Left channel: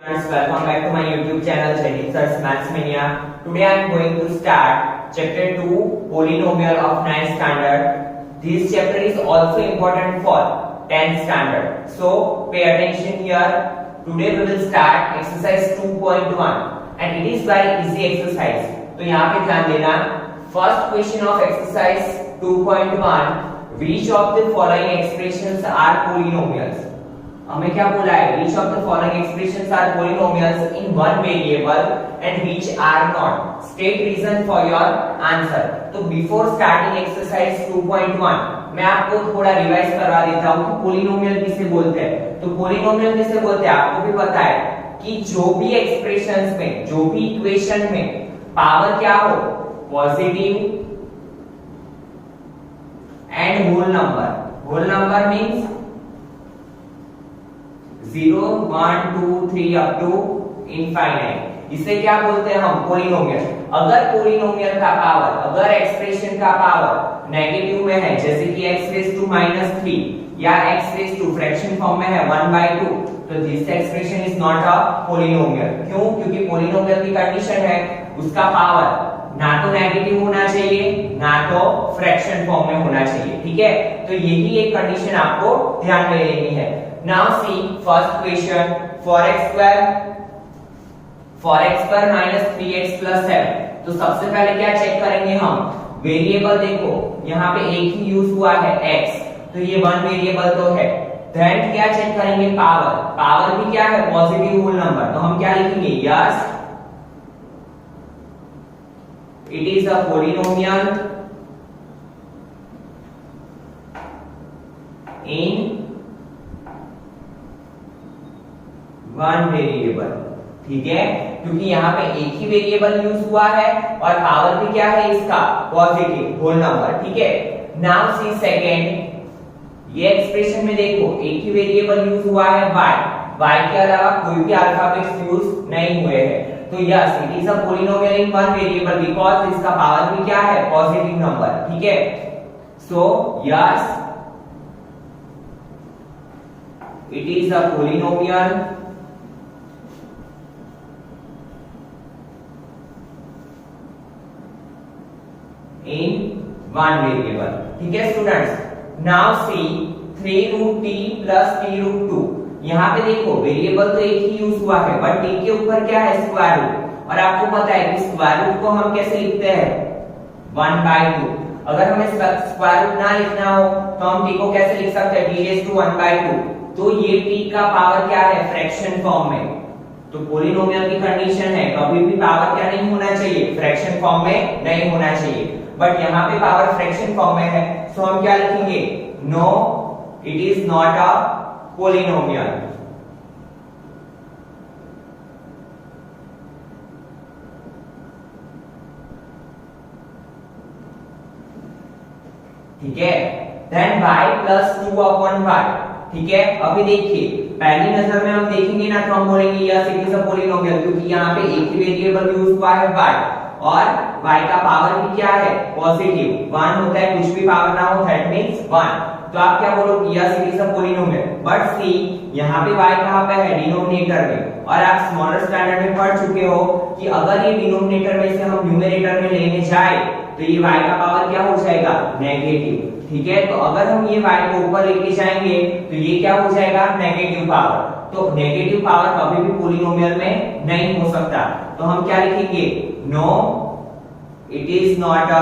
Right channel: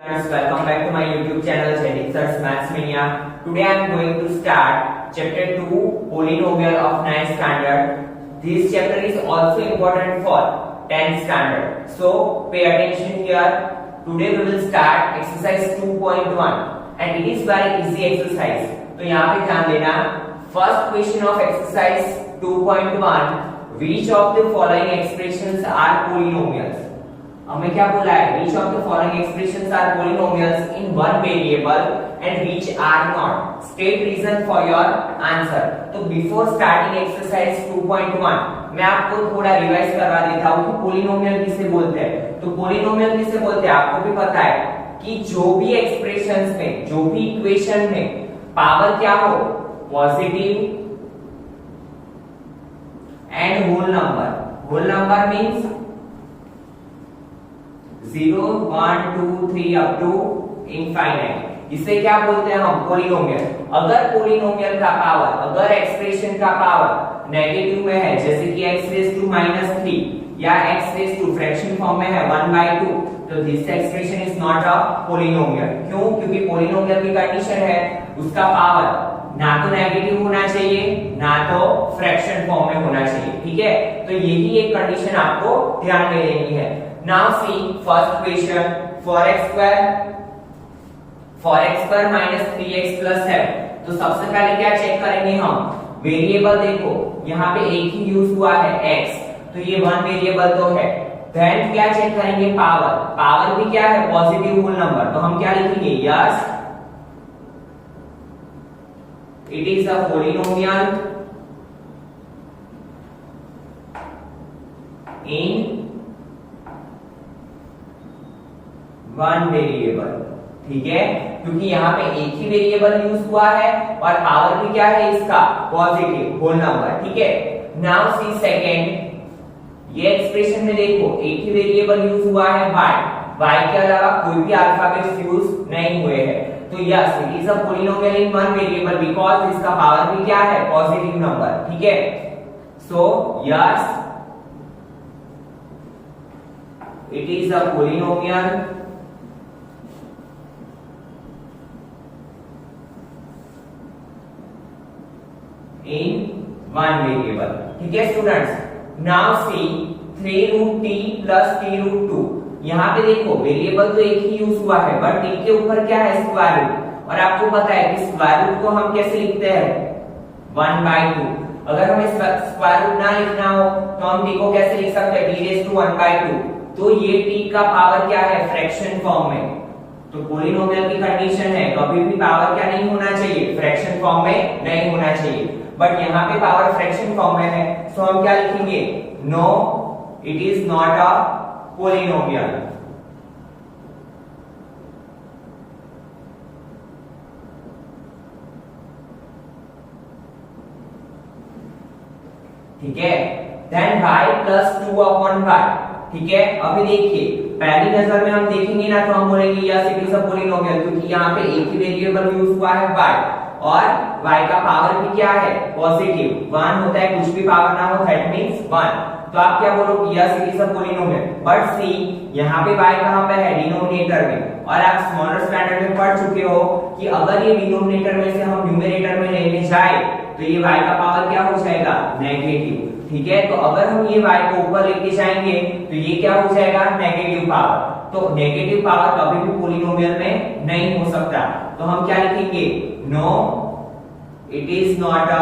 Friends, welcome back to my YouTube channel Jaideep Sir's Maths Mania. Today I am going to start chapter 2 polynomial of 9th standard. This chapter is also important for 10th standard. So pay attention here. Today we will start exercise 2.1 and it is very easy exercise. तो यहाँ पे ध्यान देना. First question of exercise 2.1. Which of the following expressions are polynomials? हमें क्या बोला है? Which of the following expressions are polynomials in one variable and which are not? State reason for your answer. तो before starting exercise 2.1 मैं आपको थोड़ा revise करवा देता हूँ कि पोलिनोमियल किसे बोलते हैं. तो पोलिनोमियल किसे बोलते हैं आपको भी पता है कि जो भी एक्सप्रेशंस में, जो भी इक्वेशन में पावर क्या हो, positive and whole number. Whole number means 0, 1, 2, 3 up to infinite. इसे क्या बोलते हैं हम? पोलिनोमियल. अगर पोलिनोमियल का पावर, अगर एक्सप्रेशन का पावर नेगेटिव में है, जैसे कि x रेज टू -3 या x raise to fraction form में है 1/2, तो this expression is not a polynomial. क्यों? क्योंकि पोलिनोमियल की कंडीशन है उसका पावर ना तो नेगेटिव होना चाहिए ना तो फ्रैक्शन फॉर्म में होना चाहिए. ठीक है, तो यही एक कंडीशन आपको ध्यान में देनी है. Now see first question. For x square minus 3x plus 7. तो सबसे पहले क्या चेक करेंगे हम? वेरिएबल देखो यहाँ पे एक ही यूज हुआ है x, तो ये वन वेरिएबल तो है. देन क्या चेक करेंगे? पावर. पावर भी क्या है? Positive whole number. तो हम क्या लिखेंगे? Yes it is a polynomial in one variable. ठीक है, क्योंकि यहाँ पे एक ही वेरिएबल यूज हुआ है और पावर भी क्या है इसका? Positive whole number. ठीक है, नाउ सी सेकंड. ये एक्सप्रेशन में देखो एक ही वेरिएबल यूज हुआ है y के अलावा कोई भी अल्फाबेट्स यूज नहीं हुए हैं. तो yes it is a polynomial in one variable because इसका पावर भी क्या है? Positive number. ठीक है, so yes it is a polynomial in one variable. ठीक है students. Now see 3 root t plus t root 2. यहाँ पे देखो वेरिएबल तो एक ही यूज हुआ है बट t के ऊपर क्या है? Square root. और आपको पता है कि स्क्वायर रूट को हम कैसे लिखते हैं? 1/2. अगर हमें स्क्वायर रूट ना लिखना हो तो हम t को कैसे लिख सकते हैं? t raised to 1/2. तो ये t का पावर क्या है? फ्रैक्शन फॉर्म में. तो पोलिनोमियल की कंडीशन है कभी भी पावर क्या नहीं होना चाहिए? फ्रैक्शन फॉर्म में नहीं होना चाहिए. बट यहाँ पे पावर फ्रैक्शन फॉर्म में है, सो हम क्या लिखेंगे? No it is not a polynomial. ठीक है, देन y प्लस 2/y. ठीक है, अभी देखिए पहली नजर में हम देखेंगे ना तो हम बोलेंगे yes it is a polynomial, क्योंकि यहाँ पे एक ही वेरिएबल यूज हुआ है y और y का पावर भी क्या है? पॉजिटिव. 1 होता है, कुछ भी पावर ना हो दैट मींस 1. तो आप क्या बोलोगे? Yes it is a polynomial. But see यहाँ पे y कहाँ पे है? डिनोमिनेटर में. और आप स्मॉलर स्टैंडर्ड में पढ़ चुके हो कि अगर ये डिनोमिनेटर में से हम न्यूमरेटर में लेने जाए तो ये y का पावर क्या हो जाएगा? नेगेटिव. ठीक है, तो अगर हम ये y को ऊपर लेके जाएंगे तो ये क्या हो जाएगा? Negative power. तो नेगेटिव पावर कभी भी पोलिनोमियल में नहीं हो सकता. तो हम क्या लिखेंगे? No it is not a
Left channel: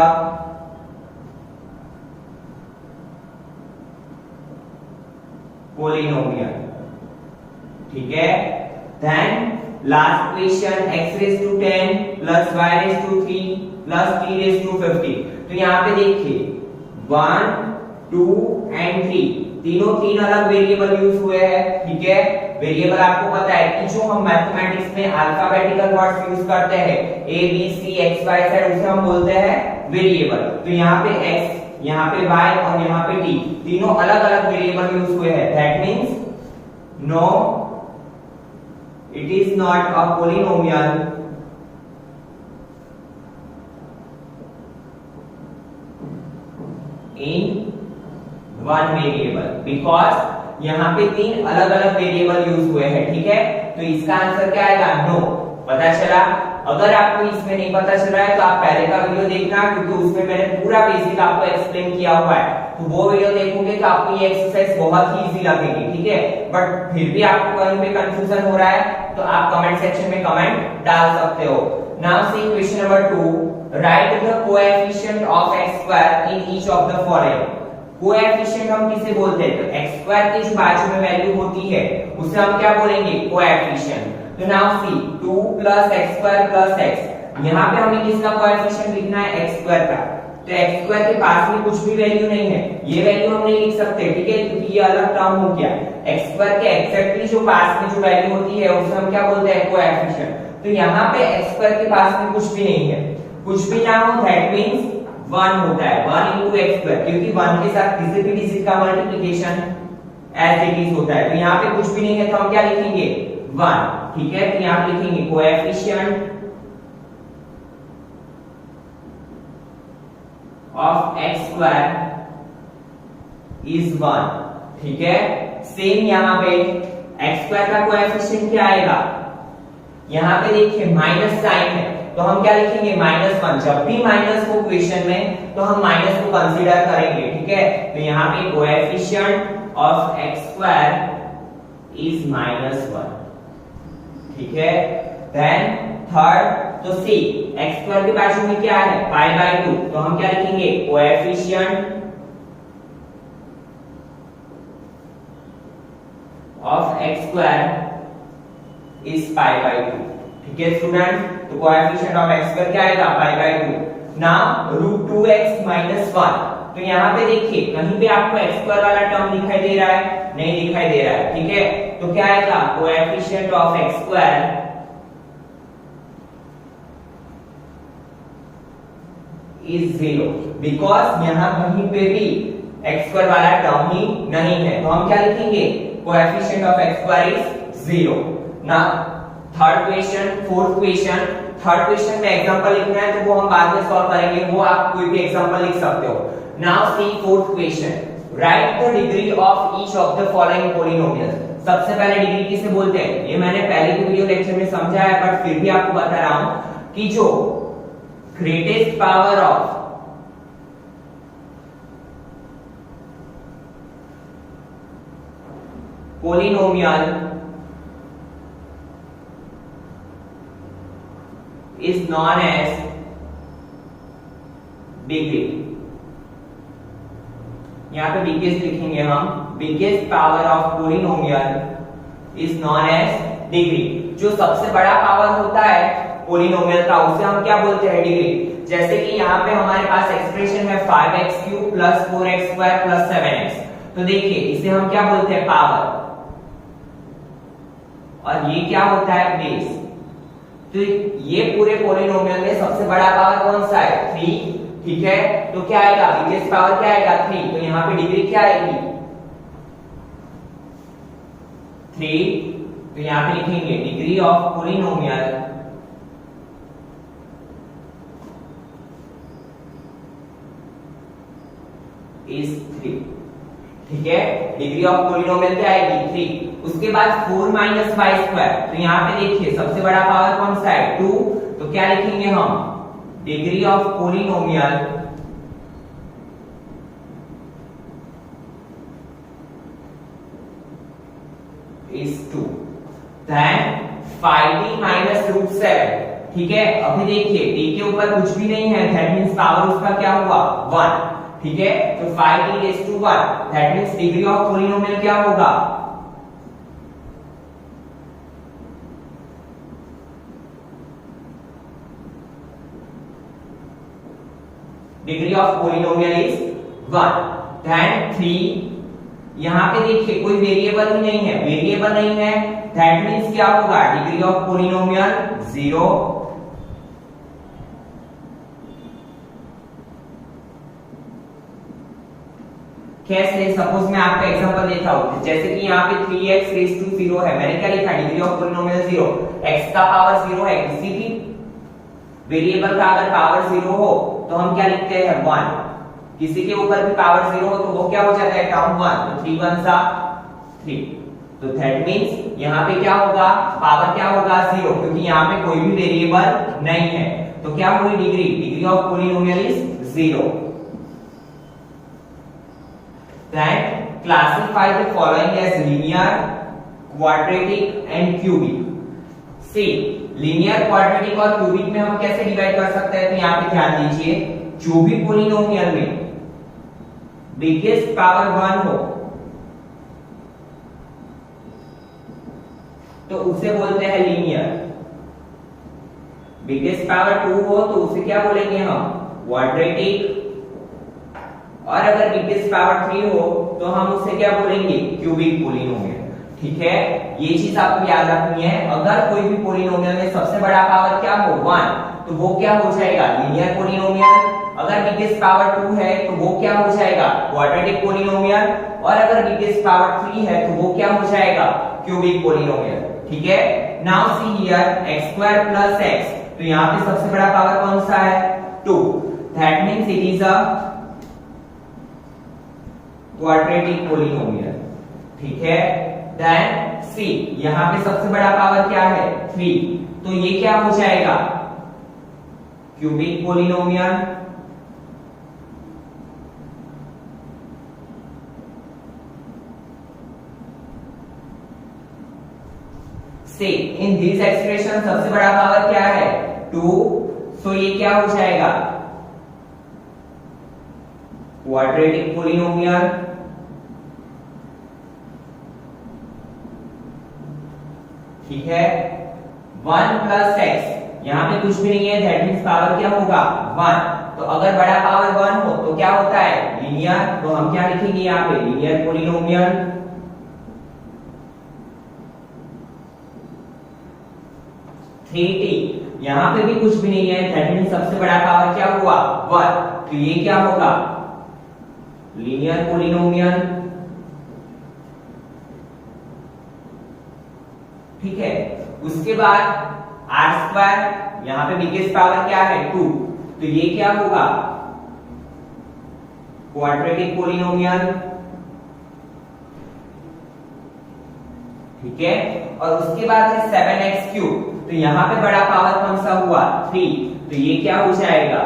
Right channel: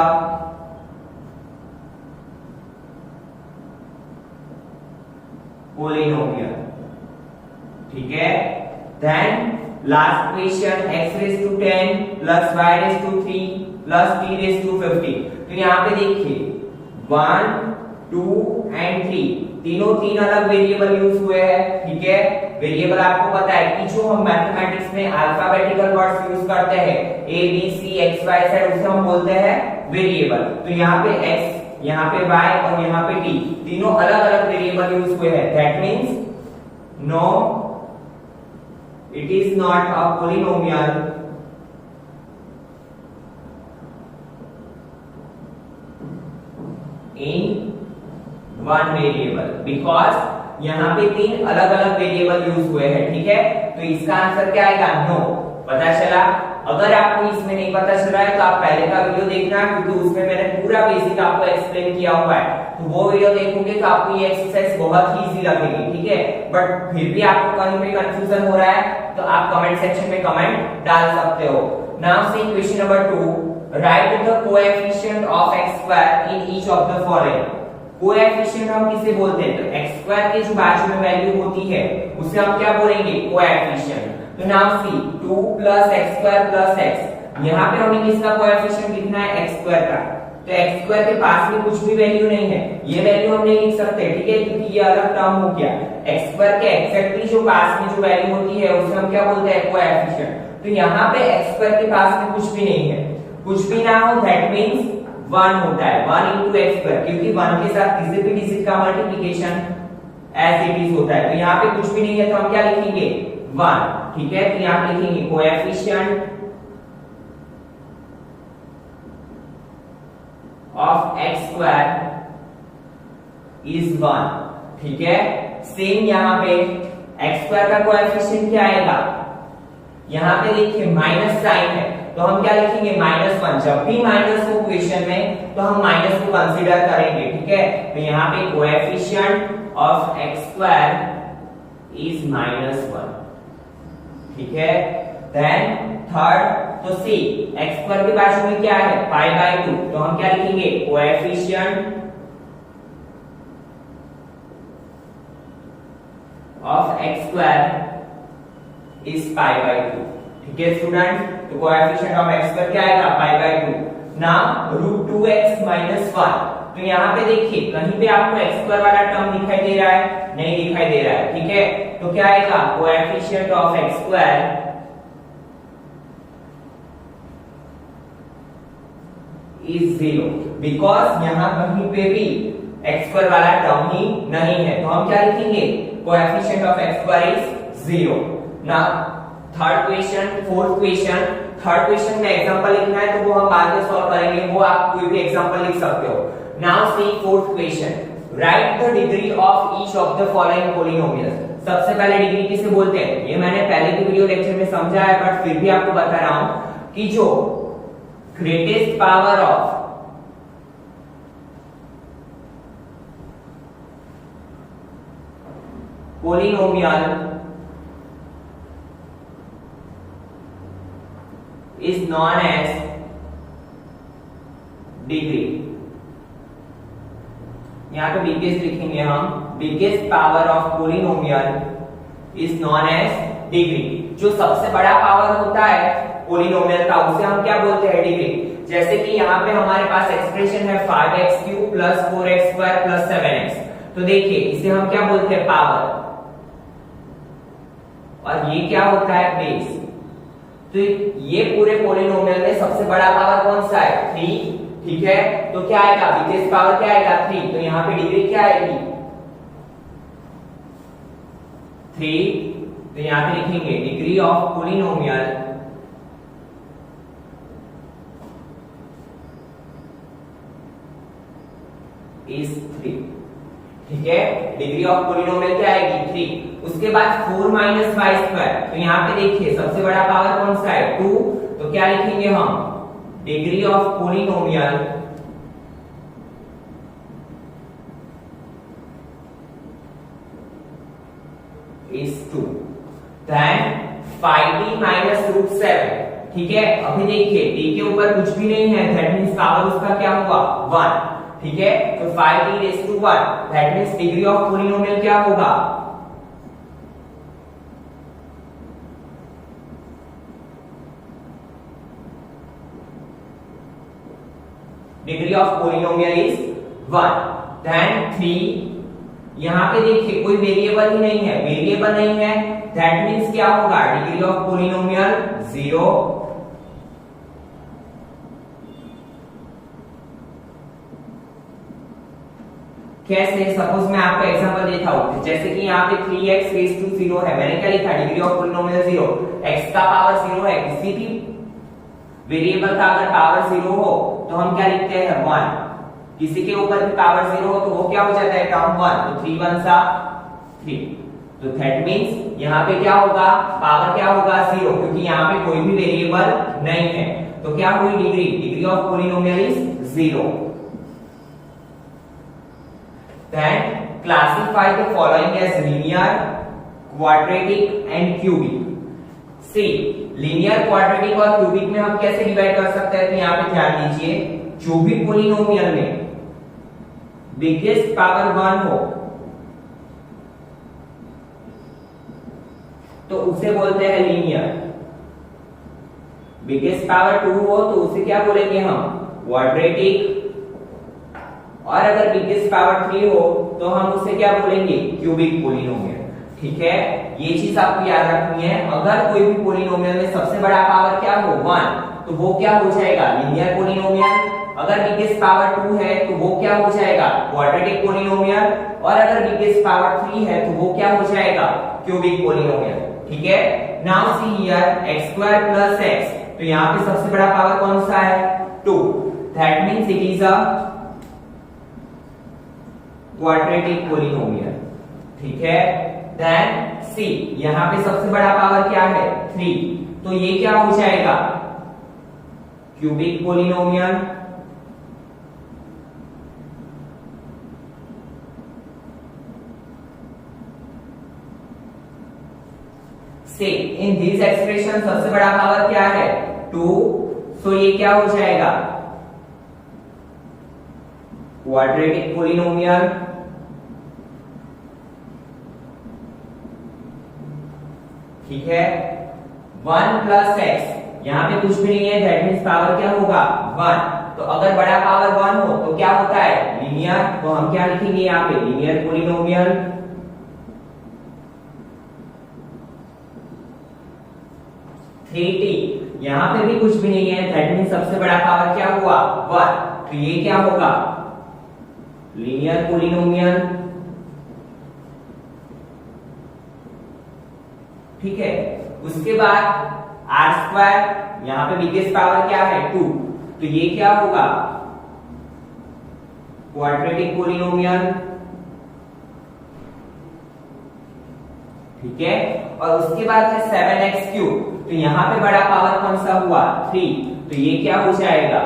polynomial. ठीक है, then last question x raise to 10 plus y raise to 3 plus t raise to 50. तो यहाँ पे देखिए 1, 2 एंड 3 तीनों तीन अलग वेरिएबल यूज हुए हैं. ठीक है, वेरिएबल आपको पता है कि जो हम मैथमेटिक्स में अल्फाबेटिकल वर्ड्स यूज करते हैं a b c x y z उसे हम बोलते हैं वेरिएबल. तो यहाँ पे x, यहाँ पे y और यहाँ पे t तीनों अलग अलग वेरिएबल यूज हुए हैं. That means no it is not a polynomial in one variable because यहाँ पे 3 अलग अलग वेरिएबल यूज हुए हैं, ठीक है। तो इसका आंसर क्या आएगा? नो। पता चला? अगर आपको इसमें नहीं पता चला है तो आप पहले का वीडियो देखना, क्योंकि उसमें मैंने पूरा बेसिक आपको एक्सप्लेन किया हुआ है। तो वो वीडियो देखोगे तो आपको ये एक्सरसाइज बहुत ही इजी लगेगी, ठीक है। बट फिर भी आपको कहीं पे कंफ्यूजन हो रहा है तो आप कमेंट सेक्शन में कमेंट डाल सकते हो। Now see question number 2, right the coefficient of x square in each of the following. Coefficient हम किसे बोलते हैं? तो x स्क्वायर के जो बाजू में वैल्यू होती है उसे हम क्या बोलेंगे? कोएफिशिएंट। तो now see 2 + x square + x, यहाँ पे हमें किसका कोएफिशिएंट लिखना है? x स्क्वायर का। तो x स्क्वायर के पास में कुछ भी वैल्यू नहीं है, ये वैल्यू हम नहीं लिख सकते, ठीक है, क्योंकि ये अलग टर्म हो गया। x स्क्वायर के एक्जेक्टली जो पास में जो वैल्यू होती है उसे हम क्या बोलते हैं? कोएफिशिएंट। तो यहाँ पे x स्क्वायर के पास में कुछ भी नहीं है, कुछ भी ना हो दैट मींस 1 होता है, 1 * x स्क्वायर, क्योंकि 1 के साथ किसी भी डिजिट का मल्टीप्लिकेशन एज इट इज होता है। तो यहाँ पे कुछ भी नहीं है तो हम क्या लिखेंगे? 1, ठीक है। तो यहाँ पे लिखेंगे coefficient of x square is 1, ठीक है। सेम यहाँ पे x स्क्वायर का कोएफिशिएंट क्या आएगा? यहाँ पे देखिए माइनस साइन है तो हम क्या लिखेंगे? -1। जब भी माइनस हो क्वेश्चन में तो हम माइनस को कंसीडर करेंगे, ठीक है। तो यहाँ पे coefficient of x square is -1, ठीक है। देन थर्ड, तो सी x स्क्वायर के बाजू में क्या है? π/2, तो हम क्या लिखेंगे? Coefficient of x square is π/2, ठीक है स्टूडेंट। तो कोएफिशिएंट ऑफ x स्क्वायर क्या आएगा? π/2। नाउ √2x - 1, तो यहाँ पे देखिए कहीं पे आपको x स्क्वायर वाला टर्म दिखाई दे रहा है? नहीं दिखाई दे रहा है, ठीक है। तो क्या आएगा? Coefficient of x square is 0, because यहाँ कहीं पे भी x स्क्वायर वाला टर्म ही नहीं है। तो हम क्या लिखेंगे? Coefficient of x square is 0। Now third question, fourth question. Third question में एग्जांपल लिखना है तो वो हम बाद में सॉल्व करेंगे, वो आप कोई भी एग्जांपल लिख सकते हो। Now C fourth question, right the degree of each of the following polynomials. सबसे पहले डिग्री किसे बोलते हैं? ये मैंने पहले के वीडियो लेक्चर में समझा है, बट फिर भी आपको बता रहा हूं कि जो greatest power of polynomial is known as degree। यहां पे बिगेस्ट लिखेंगे हम, biggest power of polynomial is known as degree. जो सबसे बड़ा पावर होता है पोलिनोमियल का उसे हम क्या बोलते हैं? डिग्री। जैसे कि यहाँ पे हमारे पास एक्सप्रेशन है 5x³ + 4x² + 7x, तो देखिए इसे हम क्या बोलते हैं? पावर। और ये क्या होता है? बेस। तो ये पूरे पोलिनोमियल में सबसे बड़ा पावर कौन सा है? 3, ठीक है। तो क्या आएगा? बिगेस्ट पावर क्या आएगा? 3। तो यहाँ पे डिग्री क्या आएगी? 3। तो यहाँ पे लिखेंगे डिग्री ऑफ पोलिनोमियल इज 3, ठीक है। डिग्री ऑफ पोलिनोमियल क्या आएगी? 3। उसके बाद 4 - y²। तो यहाँ पे देखिए सबसे बड़ा पावर कौन सा है? 2। तो क्या लिखेंगे हम? Degree of polynomial is 2। Then 5d - √7, ठीक है। अभी देखिए d के ऊपर कुछ भी नहीं है, दैट मींस पावर उसका क्या हुआ? 1, ठीक है। तो 5d⁻1, that means degree of polynomial क्या होगा? Degree of polynomial is 1। Then 3, यहां पे देखिए कोई वेरिएबल ही नहीं है, वेरिएबल नहीं है दैट मींस क्या होगा? Degree of polynomial 0। कैसे? सपोज मैं आपको एग्जांपल देता हूं, जैसे कि यहाँ पे 3x⁻0 है, मैंने क्या लिखा? Degree of polynomial 0। x का पावर 0 है, किसी भी वेरिएबल का अगर पावर 0 हो तो हम क्या लिखते हैं? 1। किसी के ऊपर भी पावर 0 हो तो वो क्या हो जाता है? टर्म 1। तो 3 × 1 = 3। तो दैट मीन्स यहाँ पे क्या होगा, पावर क्या होगा 0, क्योंकि यहाँ पे कोई भी वेरिएबल नहीं है। तो क्या हुई degree, degree of polynomial is 0। Then classify the following as linear, quadratic and cubic. See, linear, quadratic और क्यूबिक में हम कैसे डिवाइड कर सकते हैं, तो यहाँ पे ध्यान दीजिए, जो भी पोलिनोमियल में बिगेस्ट पावर 1 हो तो उसे बोलते हैं लीनियर, बिगेस्ट पावर 2 हो तो उसे क्या बोलेंगे हम, क्वाड्रेटिक, और अगर बिगेस्ट पावर 3 हो तो हम उसे क्या बोलेंगे, क्यूबिक पोलिनोमियल। ठीक है, ये चीज आपको याद रखनी है। अगर कोई भी पोलिनोमियल में सबसे बड़ा पावर क्या हो 1, तो वो क्या हो जाएगा, लीनियर पोलिनोमियल। अगर बिगेस्ट पावर 2 है तो वो क्या हो जाएगा, क्वाड्रेटिक पोलिनोमियल, और अगर बिगेस्ट पावर 3 है तो वो क्या हो जाएगा, क्यूबिक पोलिनोमियल। ठीक है, now see here x square plus x, तो यहाँ पे सबसे बड़ा पावर कौन सा है, 2, that means it is a quadratic polynomial. ठीक है, देन सी, यहाँ पे सबसे बड़ा पावर क्या है 3, तो ये क्या हो जाएगा, क्यूबिक पोलिनोमियल। से इन दिस एक्सप्रेशन सबसे बड़ा पावर क्या है 2, सो ये क्या हो जाएगा, क्वाड्रेटिक पोलिनोमियल। ठीक है, 1 प्लस एक्स, यहाँ पे कुछ भी नहीं है, दैट मीन्स पावर क्या होगा 1। तो अगर बड़ा पावर 1 हो तो क्या होता है, लीनियर, तो हम क्या लिखेंगे यहाँ पे, लीनियर पोलिनोमियल। 3t, यहाँ पे भी कुछ भी नहीं है, दैट मीन्स सबसे बड़ा पावर क्या हुआ 1, तो ये क्या होगा, लीनियर पोलिनोमियल। ठीक है, उसके बाद r स्क्वायर, यहाँ पे बिगेस्ट पावर क्या है 2, तो ये क्या होगा, क्वाड्रेटिक पोलिनोमियल। ठीक है, और उसके बाद है 7x क्यूब, तो यहाँ पे बड़ा पावर कौन सा हुआ 3, तो ये क्या हो जाएगा,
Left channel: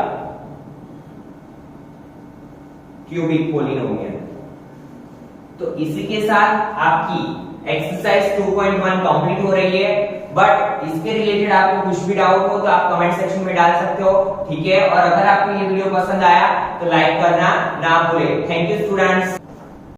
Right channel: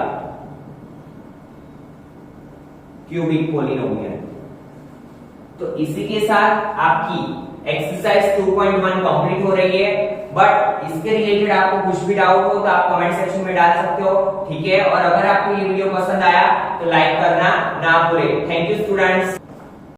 क्यूबिक पोलिनोमियल। तो इसी के साथ आपकी एक्सरसाइज 2.1 कंप्लीट हो रही है। बट इसके रिलेटेड आपको कुछ भी डाउट हो तो आप कमेंट सेक्शन में डाल सकते हो। ठीक है, और अगर आपको ये वीडियो पसंद आया तो लाइक करना ना भूले। Thank you students.